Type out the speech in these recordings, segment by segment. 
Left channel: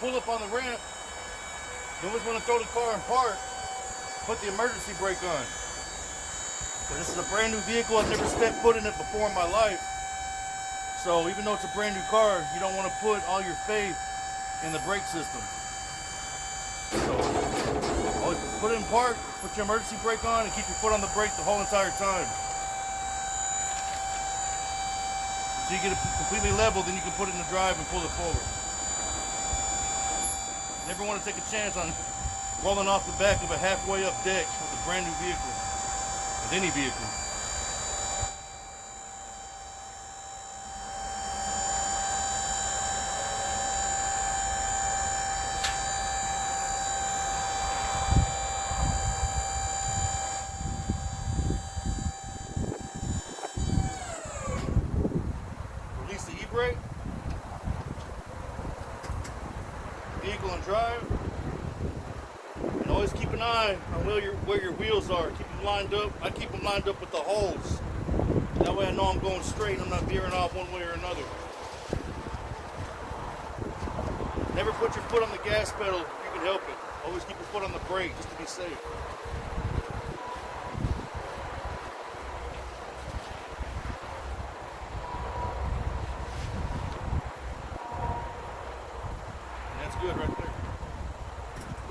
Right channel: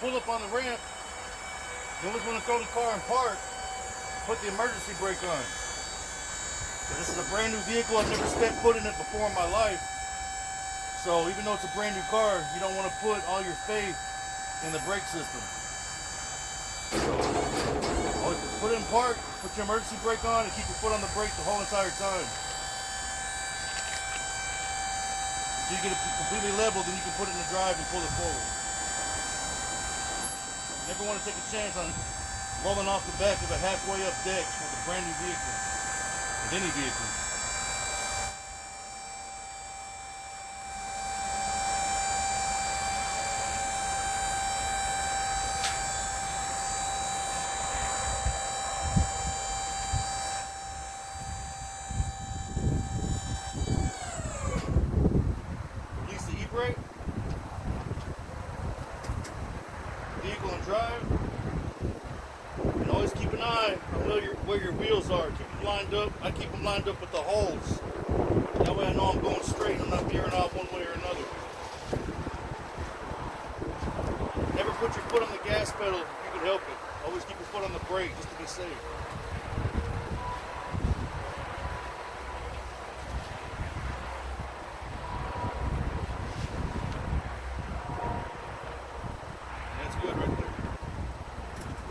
Pull up on the ramp, you always want to throw the car in park, put the emergency brake on. Because this is a brand new vehicle, I've never stepped foot in it before in my life. So even though it's a brand new car, you don't want to put all your faith in the brake system. So always put it in park, put your emergency brake on, and keep your foot on the brake the whole entire time. So you get it completely level, then you can put it in the drive and pull it forward. Never want to take a chance on rolling off the back of a halfway up deck with a brand new vehicle, with any vehicle. Release the e-brake. Vehicle and drive, and always keep an eye on where your wheels are. Keep them lined up. I keep them lined up with the holes. That way I know I'm going straight. I'm not veering off one way or another. Never put your foot on the gas pedal if you can help it. Always keep your foot on the brake just to be safe. Good right there.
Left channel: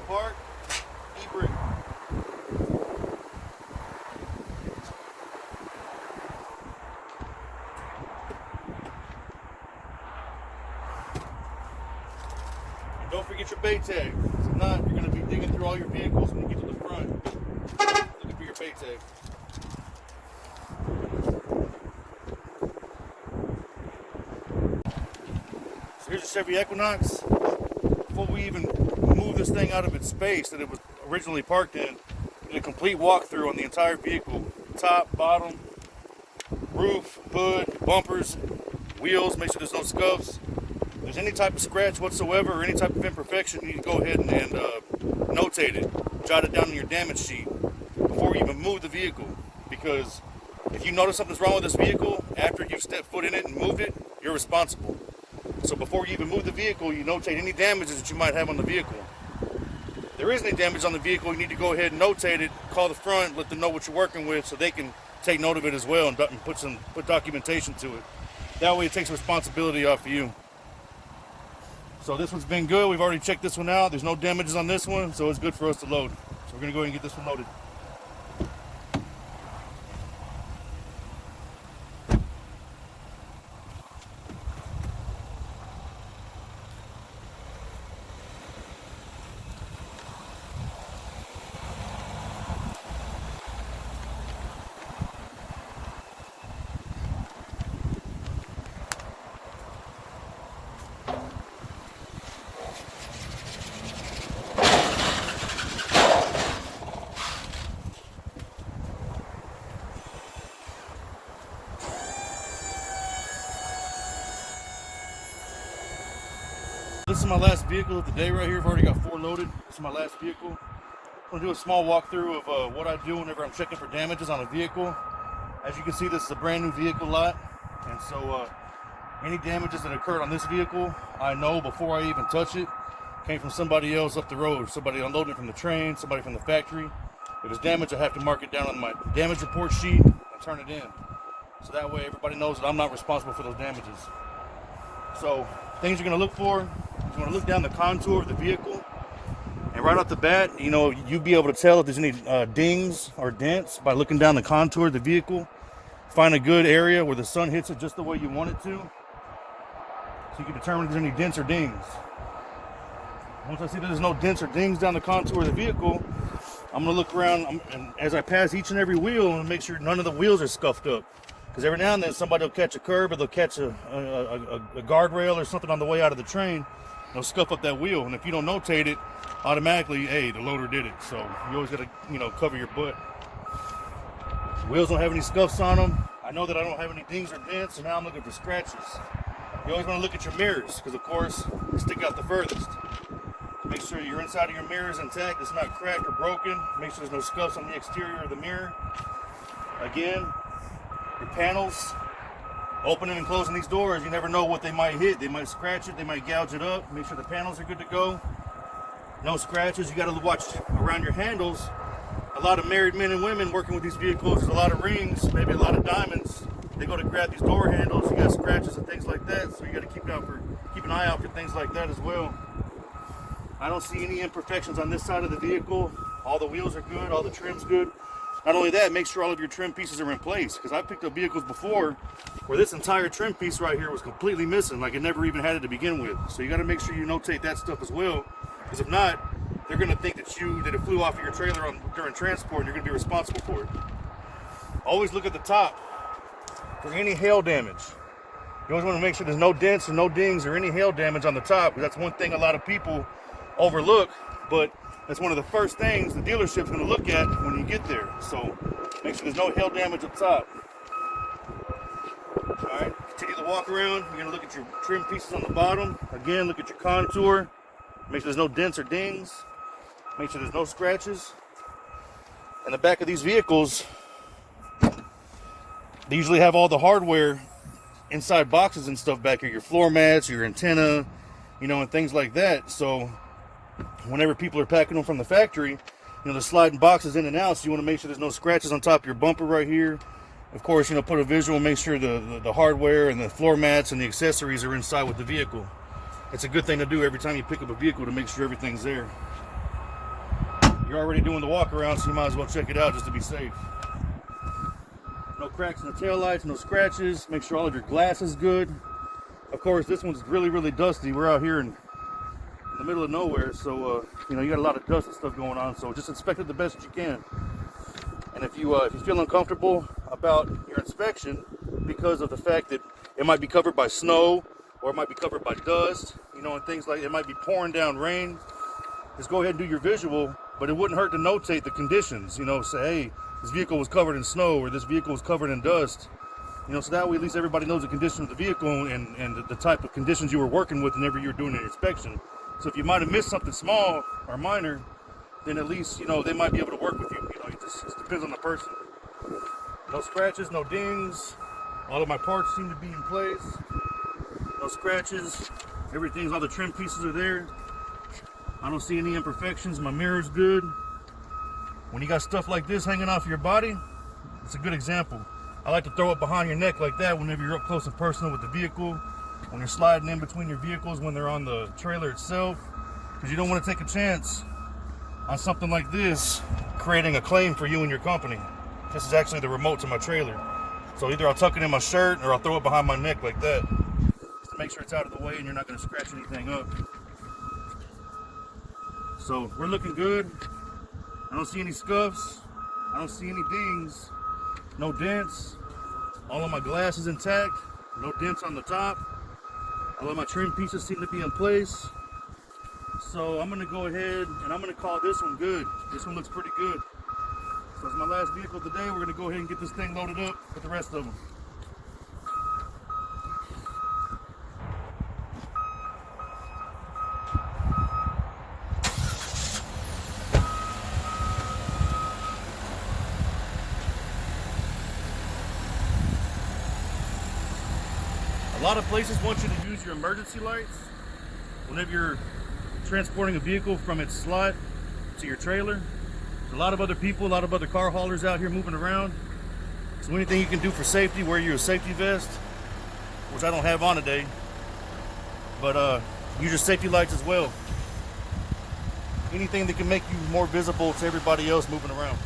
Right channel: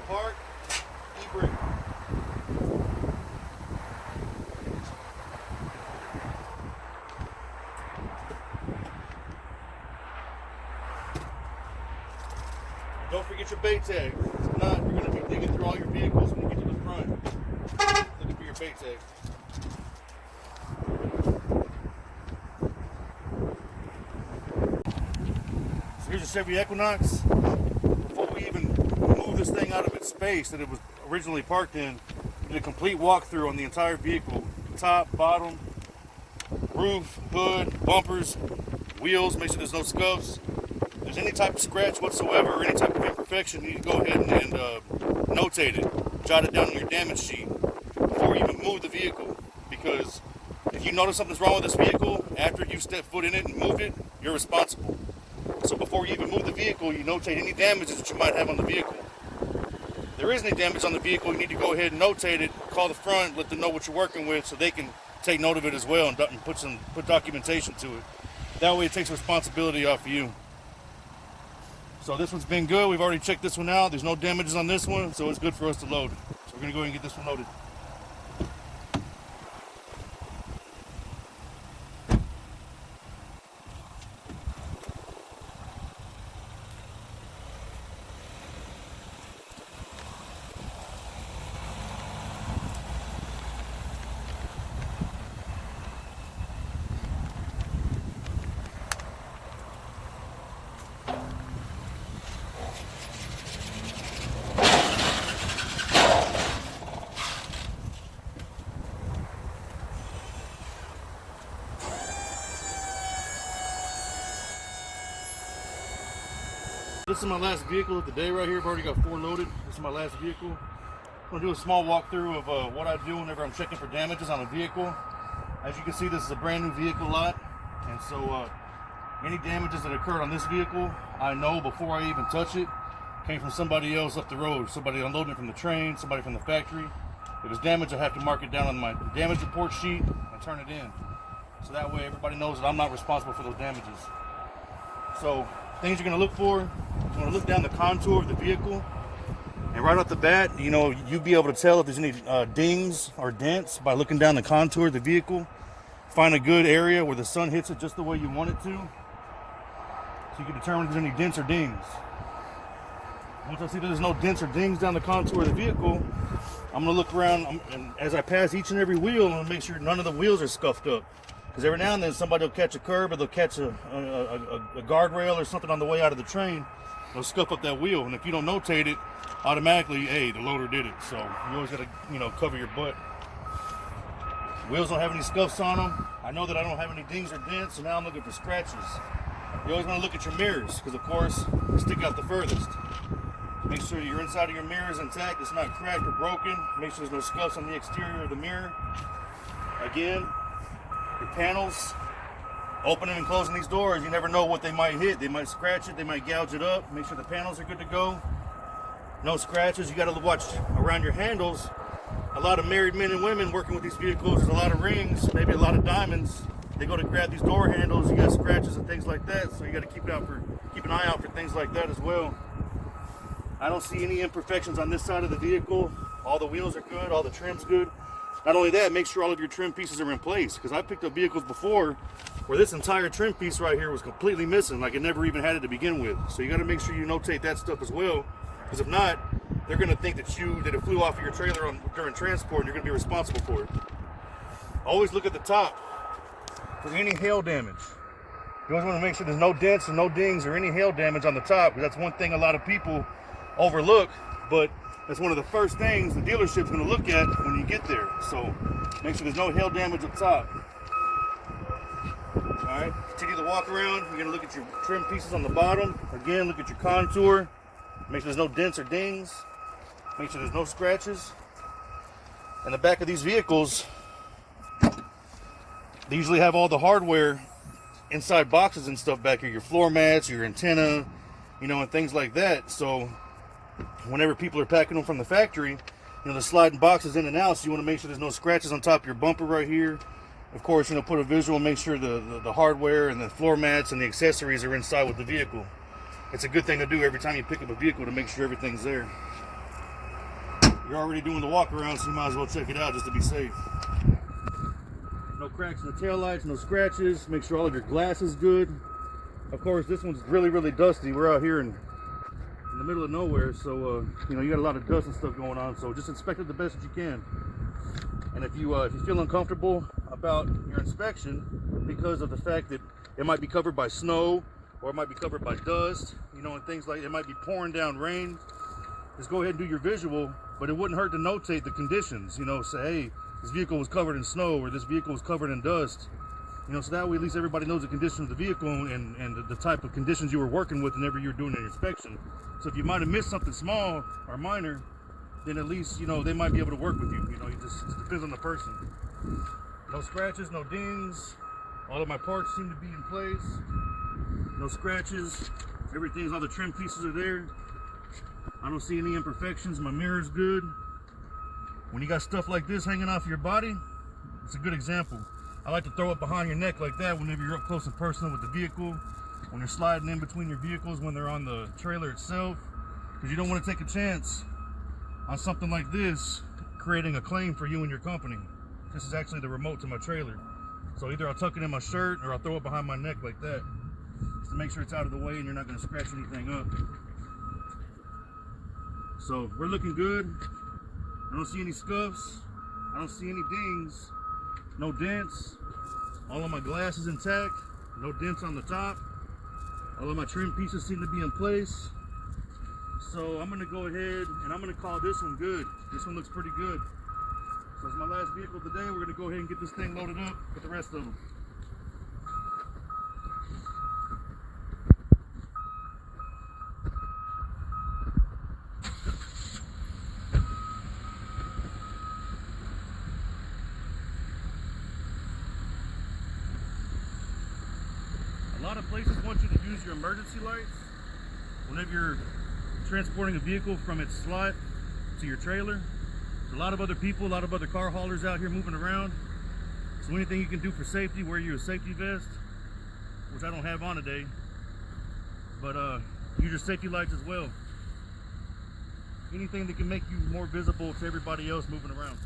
Park, e-brake. And don't forget your bay tag. If not, you're going to be digging through all your vehicles when you get to the front. Looking for your bay tag. So here's a Chevy Equinox. Before we even move this thing out of its space that it was originally parked in, we did a complete walkthrough on the entire vehicle. Top, bottom, roof, hood, bumpers, wheels, make sure there's no scuffs. If there's any type of scratch whatsoever or any type of imperfection, you need to go ahead and notate it. Jot it down on your damage sheet before you even move the vehicle. Because if you notice something's wrong with this vehicle, after you step foot in it and move it, you're responsible. So before you even move the vehicle, you notate any damages that you might have on the vehicle. If there is any damage on the vehicle, you need to go ahead and notate it, call the front, let them know what you're working with so they can take note of it as well and put documentation to it. That way it takes responsibility off of you. So this one's been good. We've already checked this one out. There's no damages on this one, so it's good for us to load. So we're going to go ahead and get this one loaded. This is my last vehicle of the day right here. I've already got 4 loaded. This is my last vehicle. I'm going to do a small walkthrough of what I do whenever I'm checking for damages on a vehicle. As you can see, this is a brand new vehicle lot. And so any damages that occurred on this vehicle, I know before I even touch it, came from somebody else up the road. Somebody unloading it from the train, somebody from the factory. If it's damaged, I have to mark it down on my damage report sheet and turn it in. So that way everybody knows that I'm not responsible for those damages. So things you're going to look for, you're going to look down the contour of the vehicle, and right off the bat, you know, you'll be able to tell if there's any dings or dents by looking down the contour of the vehicle. Find a good area where the sun hits it just the way you want it to, so you can determine if there's any dents or dings. Once I see that there's no dents or dings down the contour of the vehicle, I'm going to look around, and as I pass each and every wheel, I'm going to make sure none of the wheels are scuffed up. Because every now and then somebody will catch a curb, or they'll catch a guardrail or something on the way out of the train, They'll scuff up that wheel, and if you don't notate it, automatically, hey, the loader did it. So you always gotta, cover your butt. Wheels don't have any scuffs on them. I know that I don't have any dings or dents, so now I'm looking for scratches. You always want to look at your mirrors, because of course, they stick out the furthest. Make sure your inside of your mirror is intact, it's not cracked or broken. Make sure there's no scuffs on the exterior of the mirror. Again, the panels, opening and closing these doors, you never know what they might hit. They might scratch it, they might gouge it up. Make sure the panels are good to go. No scratches. You got to watch around your handles. A lot of married men and women working with these vehicles, there's a lot of rings, maybe a lot of diamonds. They go to grab these door handles, you got scratches and things like that, so you got to keep an eye out for things like that as well. I don't see any imperfections on this side of the vehicle. All the wheels are good, all the trim's good. Not only that, make sure all of your trim pieces are in place, because I picked up vehicles before where this entire trim piece right here was completely missing, like it never even had it to begin with. So you got to make sure you notate that stuff as well, because if not, they're going to think that it flew off of your trailer during transport, and you're going to be responsible for it. Always look at the top for any hail damage. You always want to make sure there's no dents or no dings or any hail damage on the top, because that's one thing a lot of people overlook, but it's one of the first things the dealership's going to look at when you get there. So make sure there's no hail damage up top. Alright, continue the walk around. You're going to look at your trim pieces on the bottom. Again, look at your contour. Make sure there's no dents or dings. Make sure there's no scratches. On the back of these vehicles, they usually have all the hardware inside boxes and stuff back here. Your floor mats, your antenna, and things like that. So whenever people are packing them from the factory, they're sliding boxes in and out, so you want to make sure there's no scratches on top of your bumper right here. Of course, put a visual, make sure the hardware and the floor mats and the accessories are inside with the vehicle. It's a good thing to do every time you pick up a vehicle, to make sure everything's there. You're already doing the walk around, so you might as well check it out just to be safe. No cracks in the taillights, no scratches. Make sure all of your glass is good. Of course, this one's really, really dusty. We're out here in the middle of nowhere, so you got a lot of dust and stuff going on. So just inspect it the best that you can. And if you feel uncomfortable about your inspection because of the fact that it might be covered by snow or it might be covered by dust, and things like it might be pouring down rain, just go ahead and do your visual. But it wouldn't hurt to notate the conditions. Say, hey, this vehicle was covered in snow, or this vehicle was covered in dust. So that way at least everybody knows the condition of the vehicle and the type of conditions you were working with whenever you were doing an inspection. So if you might have missed something small or minor, then at least, they might be able to work with you. It just depends on the person. No scratches, no dings. All of my parts seem to be in place. No scratches. All the trim pieces are there. I don't see any imperfections. My mirror's good. When you got stuff like this hanging off your body, it's a good example. I like to throw it behind your neck like that whenever you're up close and personal with the vehicle, when you're sliding in between your vehicles, when they're on the trailer itself, because you don't want to take a chance on something like this creating a claim for you and your company. This is actually the remote to my trailer. So either I'll tuck it in my shirt or I'll throw it behind my neck like that, just to make sure it's out of the way and you're not going to scratch anything up. So we're looking good. I don't see any scuffs. I don't see any dings. No dents. All of my glass is intact. No dents on the top. All of my trim pieces seem to be in place. So I'm going to go ahead and I'm going to call this one good. This one looks pretty good. So it's my last vehicle of the day. We're going to go ahead and get this thing loaded up with the rest of them. A lot of places want you to use your emergency lights whenever you're transporting a vehicle from its slot to your trailer. There's a lot of other people, a lot of other car haulers out here moving around. So anything you can do for safety, wear your safety vest, which I don't have on today, but use your safety lights as well. Anything that can make you more visible to everybody else moving around.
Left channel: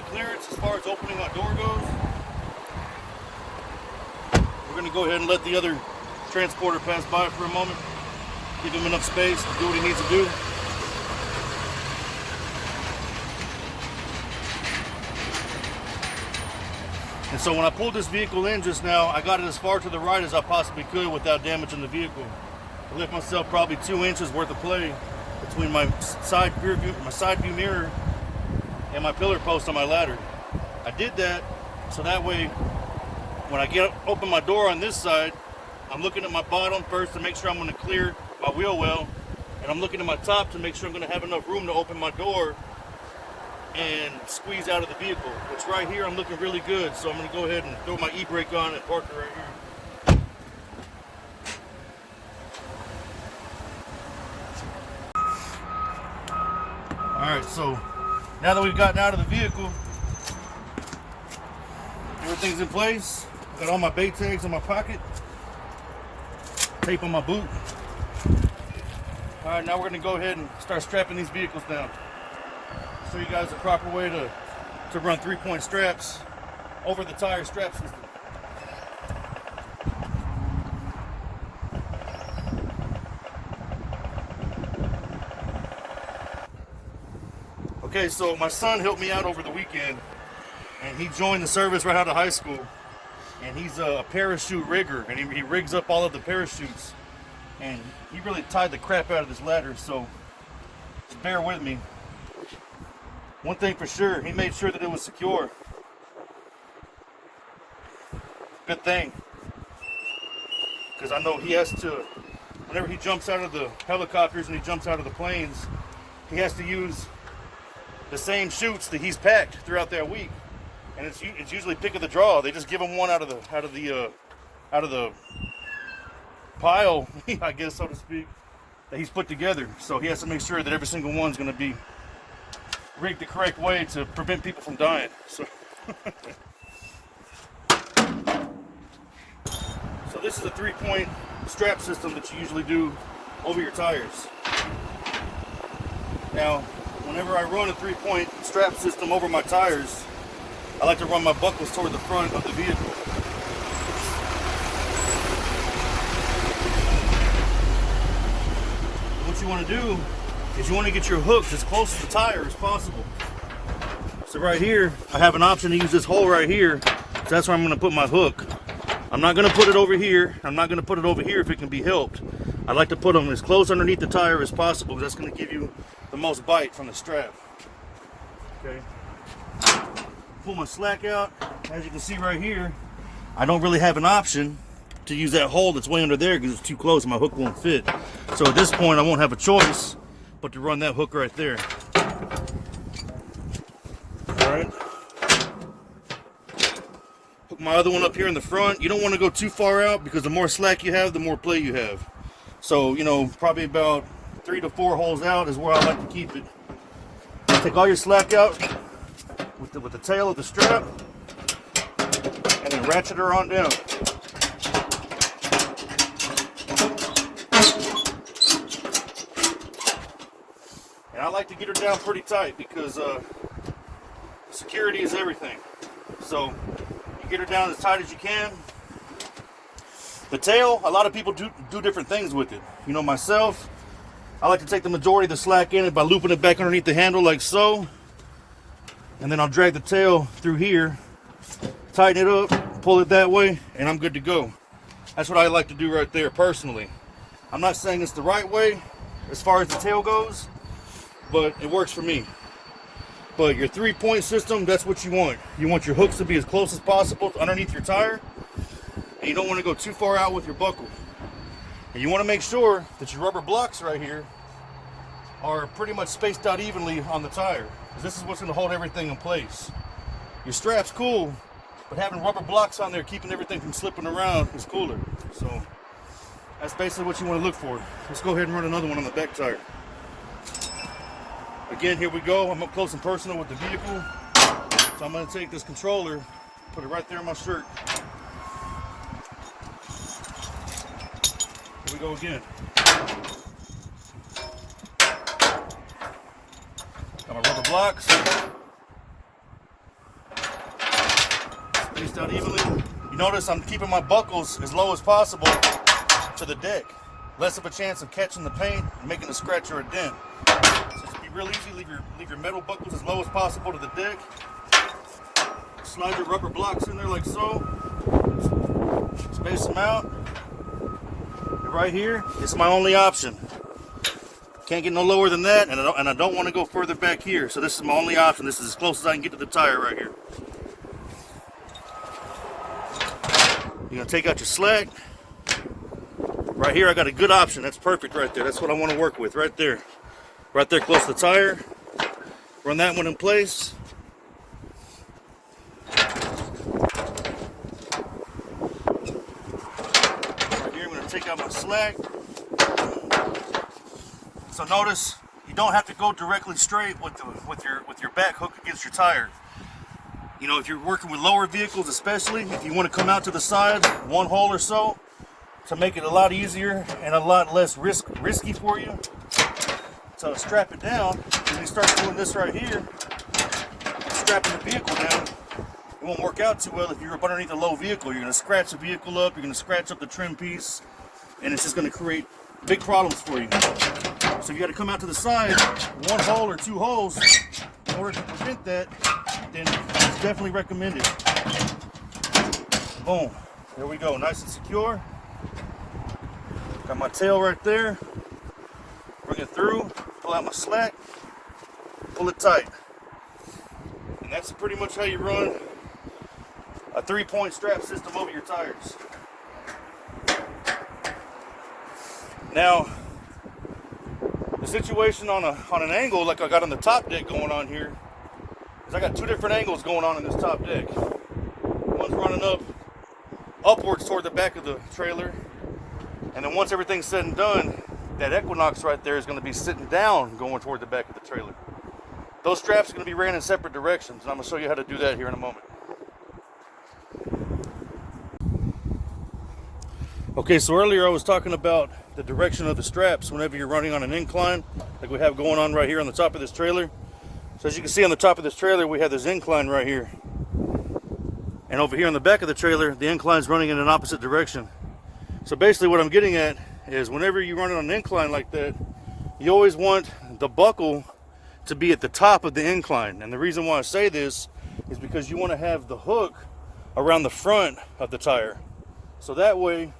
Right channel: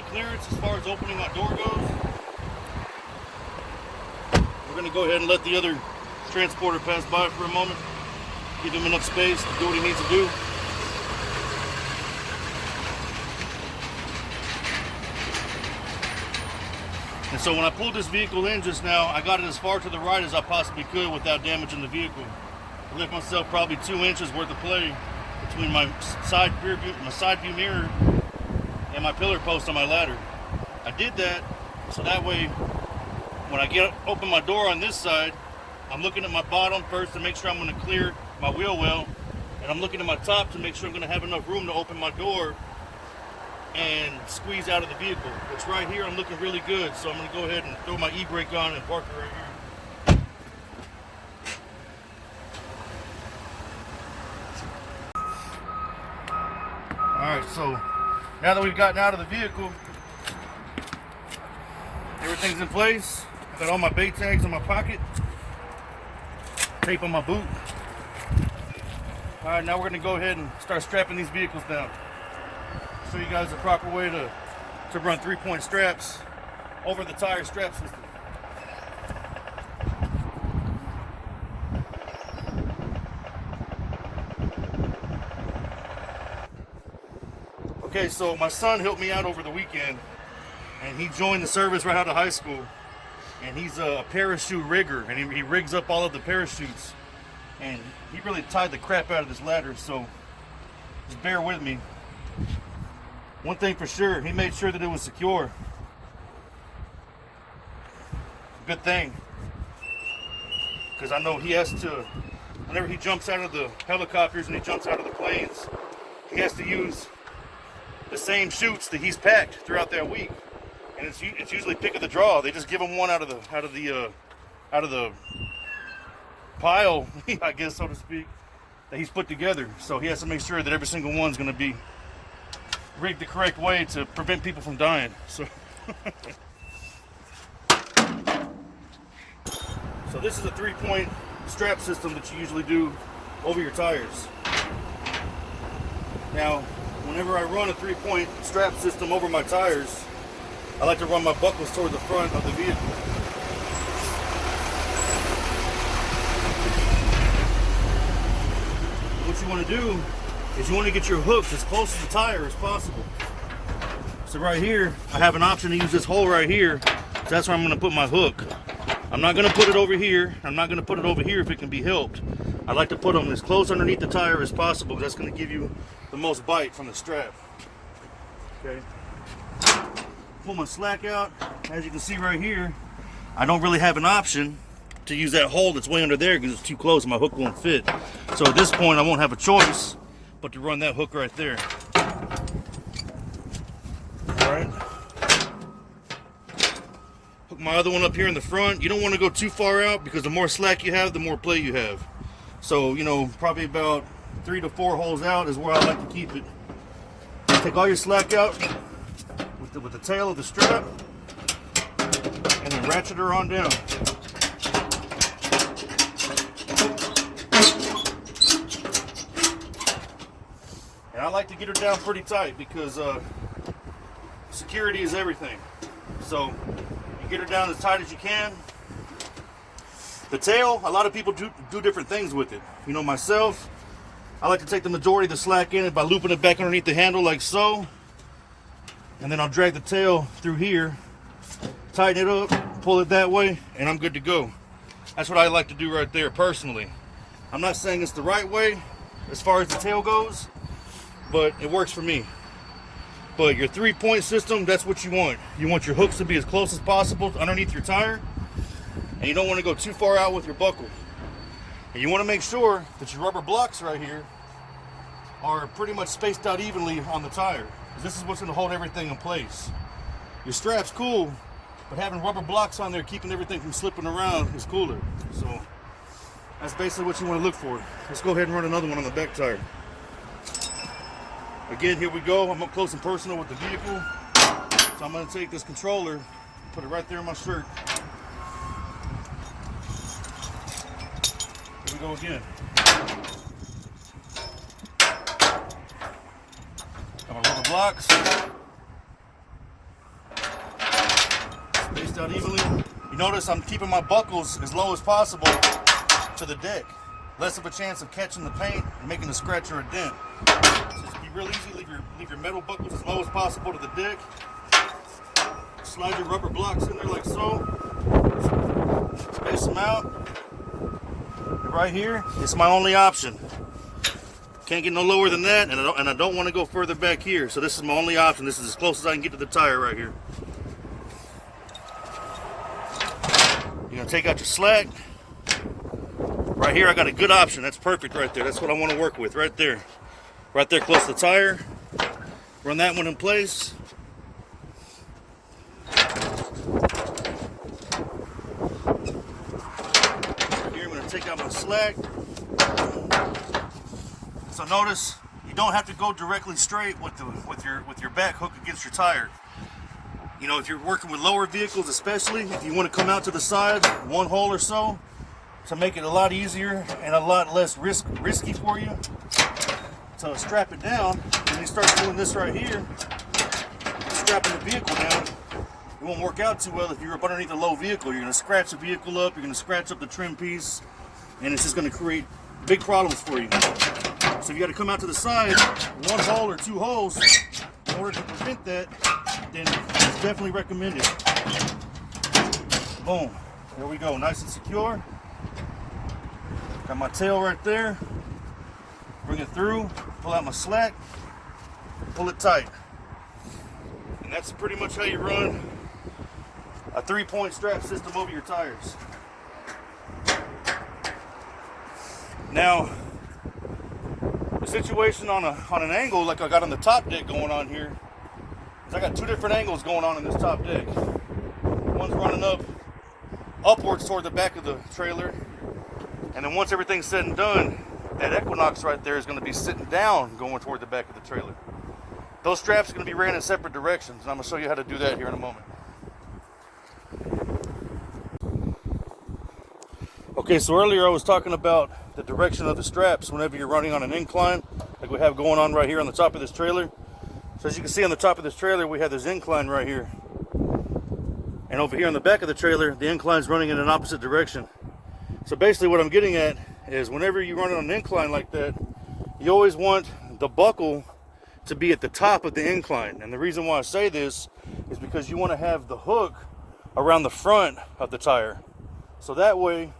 my clearance as far as opening that door goes. We're going to go ahead and let the other transporter pass by for a moment. Give him enough space to do what he needs to do. And so when I pulled this vehicle in just now, I got it as far to the right as I possibly could without damaging the vehicle. I left myself probably 2 inches worth of play between my side view mirror and my pillar post on my ladder. I did that so that way when I open my door on this side, I'm looking at my bottom first to make sure I'm going to clear my wheel well, and I'm looking at my top to make sure I'm going to have enough room to open my door and squeeze out of the vehicle. It's right here, I'm looking really good, so I'm going to go ahead and throw my e-brake on and park it right here. Alright, so now that we've gotten out of the vehicle, everything's in place. I got all my bait tags in my pocket, tape on my boot. Alright, now we're going to go ahead and start strapping these vehicles down. Show you guys the proper way to run 3-point straps over the tire strap system. Okay, so my son helped me out over the weekend, and he joined the service right out of high school, and he's a parachute rigger, and he rigs up all of the parachutes, and he really tied the crap out of this ladder, so just bear with me. One thing for sure, he made sure that it was secure. Good thing, because I know he has to, whenever he jumps out of the helicopters and he jumps out of the planes, he has to use the same chutes that he's packed throughout that week, and it's usually pick of the draw. They just give him one out of the pile, I guess, so to speak, that he's put together. So he has to make sure that every single one's going to be rigged the correct way to prevent people from dying. So, so this is a 3-point strap system that you usually do over your tires. Now, whenever I run a 3-point strap system over my tires, I like to run my buckles toward the front of the vehicle. What you want to do is you want to get your hooks as close to the tire as possible. So right here, I have an option to use this hole right here. So that's where I'm going to put my hook. I'm not going to put it over here. I'm not going to put it over here if it can be helped. I like to put them as close underneath the tire as possible. That's going to give you the most bite from the strap. Okay. Pull my slack out. As you can see right here, I don't really have an option to use that hole that's way under there because it's too close and my hook won't fit. So at this point, I won't have a choice but to run that hook right there. All right. Hook my other one up here in the front. You don't want to go too far out because the more slack you have, the more play you have. So, you know, probably about 3 to 4 holes out is where I like to keep it. Take all your slack out with the tail of the strap and then ratchet her on down. And I like to get her down pretty tight because security is everything. So you get her down as tight as you can. The tail, a lot of people do different things with it. You know, myself, I like to take the majority of the slack in it by looping it back underneath the handle like so. And then I'll drag the tail through here, tighten it up, pull it that way, and I'm good to go. That's what I like to do right there personally. I'm not saying it's the right way as far as the tail goes, but it works for me. But your 3-point system, that's what you want. You want your hooks to be as close as possible underneath your tire, and you don't want to go too far out with your buckle. And you want to make sure that your rubber blocks right here are pretty much spaced out evenly on the tire. This is what's going to hold everything in place. Your strap's cool, but having rubber blocks on there keeping everything from slipping around is cooler. So that's basically what you want to look for. Let's go ahead and run another one on the back tire. Again, here we go. I'm up close and personal with the vehicle. So I'm going to take this controller, put it right there in my shirt. Here we go again. Got my rubber blocks. notice I'm keeping my buckles as low as possible to the deck. Less of a chance of catching the paint and making a scratch or a dent. So it's be real easy. Leave your metal buckles as low as possible to the deck. Slide your rubber blocks in there like so. Space them out. And right here, it's my only option. Can't get no lower than that, and I don't want to go further back here. So this is my only option. This is as close as I can get to the tire right here. You're gonna take out your slack. Right here, I got a good option. That's perfect right there. That's what I want to work with right there. Right there close to the tire. Run that one in place. Here, I'm gonna take out my slack. So notice, you don't have to go directly straight with your back hook against your tire. You know, if you're working with lower vehicles especially, if you want to come out to the side, one hole or so, to make it a lot easier and a lot less risky for you. So strap it down, and you start doing this right here, strapping the vehicle down. It won't work out too well if you're up underneath a low vehicle. You're going to scratch the vehicle up, you're going to scratch up the trim piece, and it's just going to create big problems for you. So you got to come out to the side, one hole or two holes, in order to prevent that. Then it's definitely recommended. Boom. There we go. Nice and secure. Got my tail right there. Bring it through. Pull out my slack. Pull it tight. And that's pretty much how you run a 3-point strap system over your tires. Now, the situation on an angle like I got on the top deck going on here, I got two different angles going on in this top deck. One's running upwards toward the back of the trailer, and then once everything's said and done, that Equinox right there is going to be sitting down going toward the back of the trailer. Those straps are going to be ran in separate directions, and I'm going to show you how to do that here in a moment. Okay, so earlier I was talking about the direction of the straps whenever you're running on an incline, like we have going on right here on the top of this trailer. So as you can see on the top of this trailer, we have this incline right here. And over here on the back of the trailer, the incline's running in an opposite direction. So basically what I'm getting at is whenever you run on an incline like that, you always want the buckle to be at the top of the incline. And the reason why I say this is because you want to have the hook around the front of the tire. So that way,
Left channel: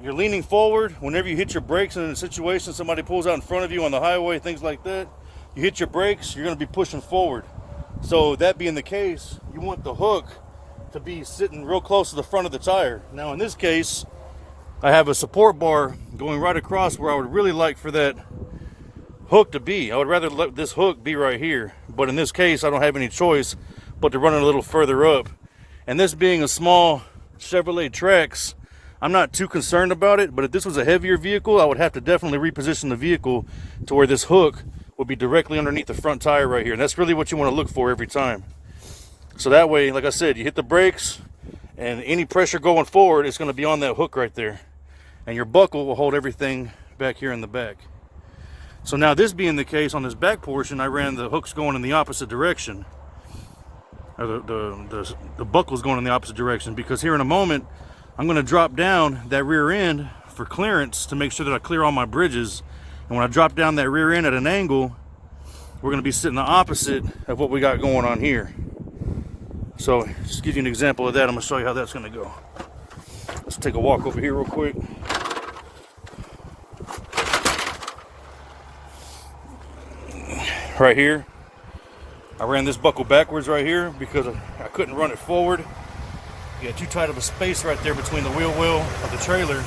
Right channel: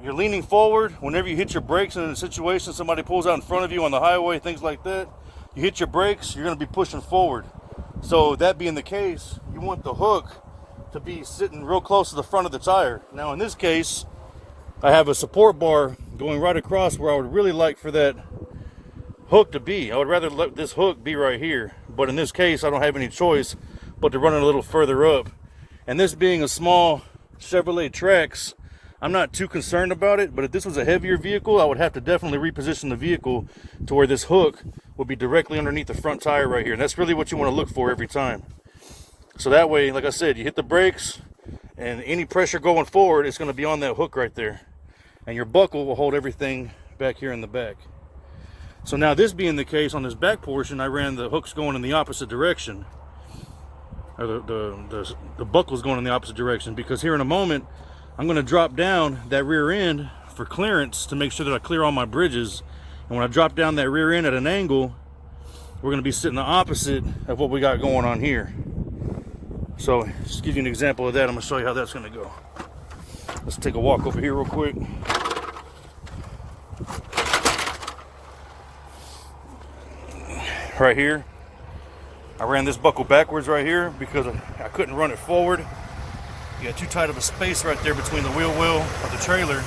you're leaning forward. Whenever you hit your brakes in a situation, somebody pulls out in front of you on the highway, things like that, you hit your brakes, you're going to be pushing forward. So that being the case, you want the hook to be sitting real close to the front of the tire. Now in this case, I have a support bar going right across where I would really like for that hook to be. I would rather let this hook be right here. But in this case, I don't have any choice but to run it a little further up. And this being a small Chevrolet Trax, I'm not too concerned about it. But if this was a heavier vehicle, I would have to definitely reposition the vehicle to where this hook will be directly underneath the front tire right here. And that's really what you want to look for every time. So that way, like I said, you hit the brakes and any pressure going forward, it's going to be on that hook right there. And your buckle will hold everything back here in the back. So now this being the case, on this back portion, I ran the hooks going in the opposite direction. Or the buckle's going in the opposite direction, because here in a moment, I'm going to drop down that rear end for clearance to make sure that I clear all my bridges. And when I drop down that rear end at an angle, we're going to be sitting the opposite of what we got going on here. So just to give you an example of that, I'm going to show you how that's going to go. Let's take a walk over here real quick. Right here, I ran this buckle backwards right here because I couldn't run it forward. You got too tight of a space right there between the wheel well of the trailer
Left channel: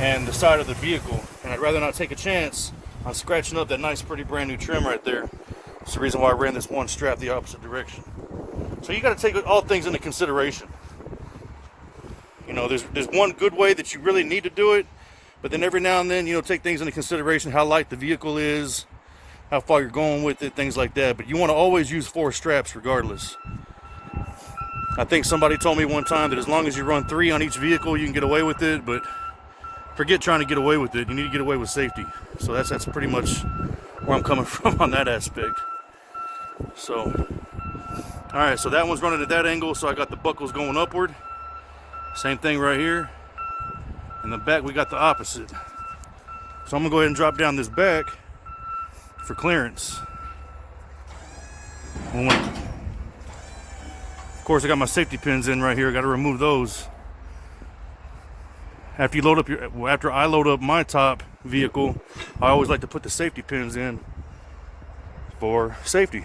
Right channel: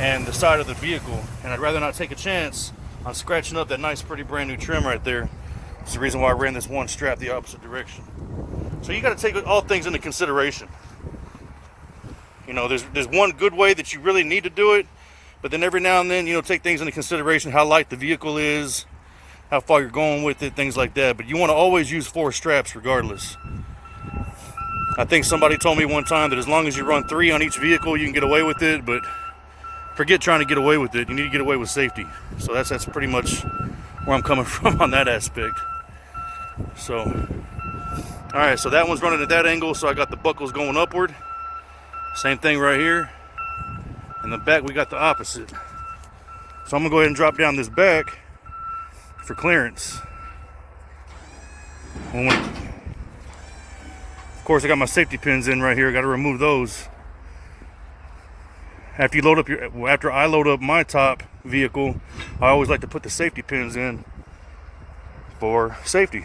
and the side of the vehicle, and I'd rather not take a chance on scratching up that nice pretty brand new trim right there. That's the reason why I ran this one strap the opposite direction. So you got to take all things into consideration. You know, there's one good way that you really need to do it, but then every now and then, you know, take things into consideration, how light the vehicle is, how far you're going with it, things like that. But you want to always use 4 straps regardless. I think somebody told me one time that as long as you run 3 on each vehicle, you can get away with it, but forget trying to get away with it. You need to get away with safety. So that's pretty much where I'm coming from on that aspect. So, all right, so that one's running at that angle, so I got the buckles going upward. Same thing right here. In the back we got the opposite. So I'm gonna go ahead and drop down this back for clearance. Of course, I got my safety pins in right here. I got to remove those. After I load up my top vehicle, I always like to put the safety pins in for safety.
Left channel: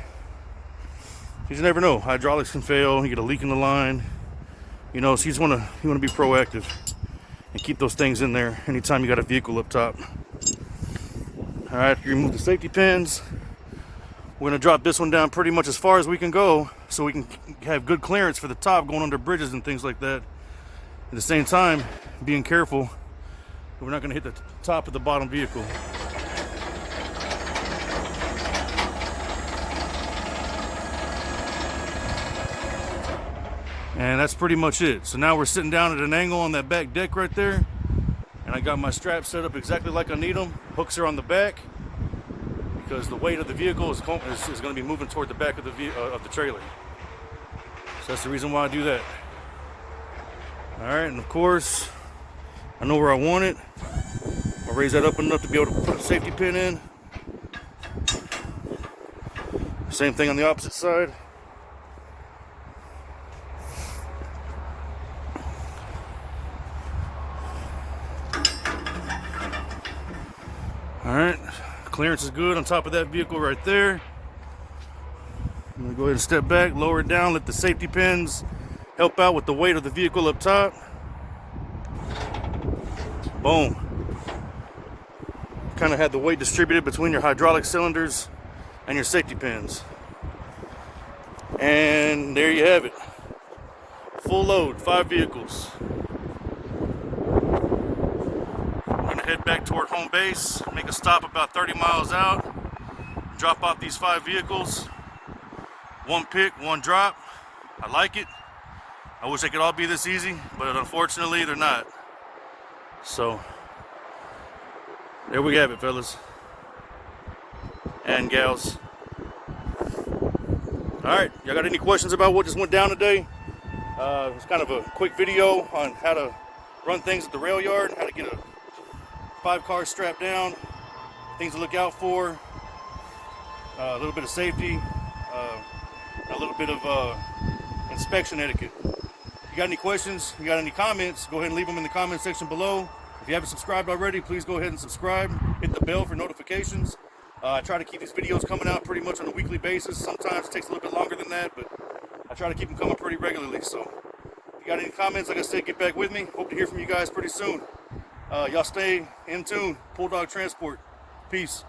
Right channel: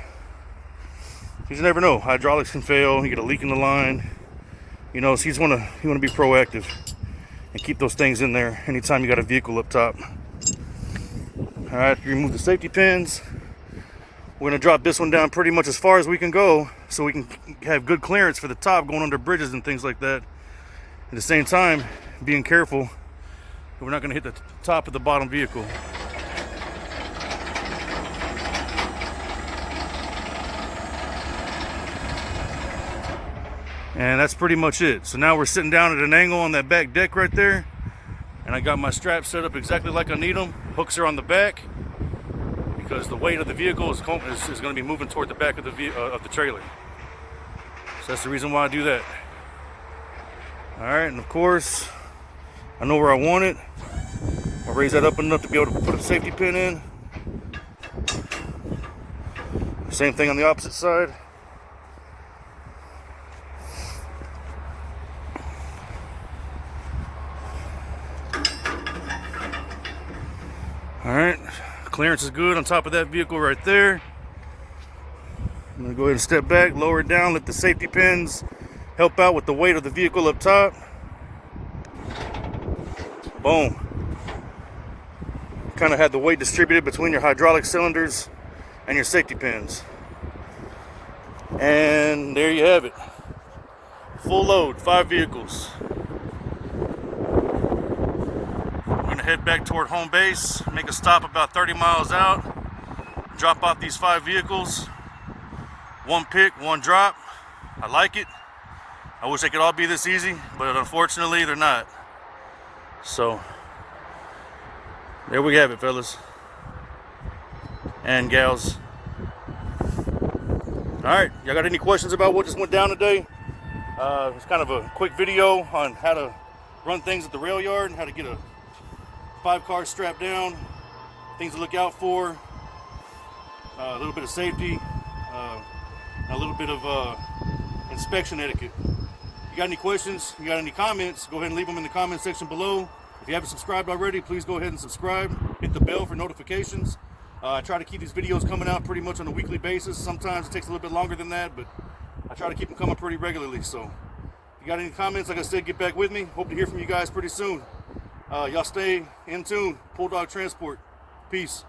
You just never know. Hydraulics can fail. You get a leak in the line. You know, so you want to be proactive and keep those things in there anytime you got a vehicle up top. All right, after you remove the safety pins, we're going to drop this one down pretty much as far as we can go so we can have good clearance for the top going under bridges and things like that. At the same time, being careful, we're not going to hit the top of the bottom vehicle. And that's pretty much it. So now we're sitting down at an angle on that back deck right there. And I got my straps set up exactly like I need them. Hooks are on the back because the weight of the vehicle is going to be moving toward the back of the trailer. So that's the reason why I do that. All right, and of course, I know where I want it. I'll raise that up enough to be able to put a safety pin in. Same thing on the opposite side. All right, clearance is good on top of that vehicle right there. I'm gonna go ahead and step back, lower it down, let the safety pins help out with the weight of the vehicle up top. Boom. Kind of had the weight distributed between your hydraulic cylinders and your safety pins. And there you have it. Full load, 5 vehicles. I'm gonna head back toward home base, make a stop about 30 miles out, drop off these 5 vehicles. 1 pick, 1 drop. I like it. I wish they could all be this easy, but unfortunately they're not. So there we have it, fellas and gals. All right, y'all got any questions about what just went down today? It's kind of a quick video on how to run things at the rail yard and how to get a 5-car strapped down, things to look out for, a little bit of safety, a little bit of inspection etiquette. If you got any questions, you got any comments, go ahead and leave them in the comment section below. If you haven't subscribed already, please go ahead and subscribe. Hit the bell for notifications. I try to keep these videos coming out pretty much on a weekly basis. Sometimes it takes a little bit longer than that, but I try to keep them coming pretty regularly. So if you got any comments, like I said, get back with me. Hope to hear from you guys pretty soon. Y'all stay in tune. Bulldog Transport. Peace.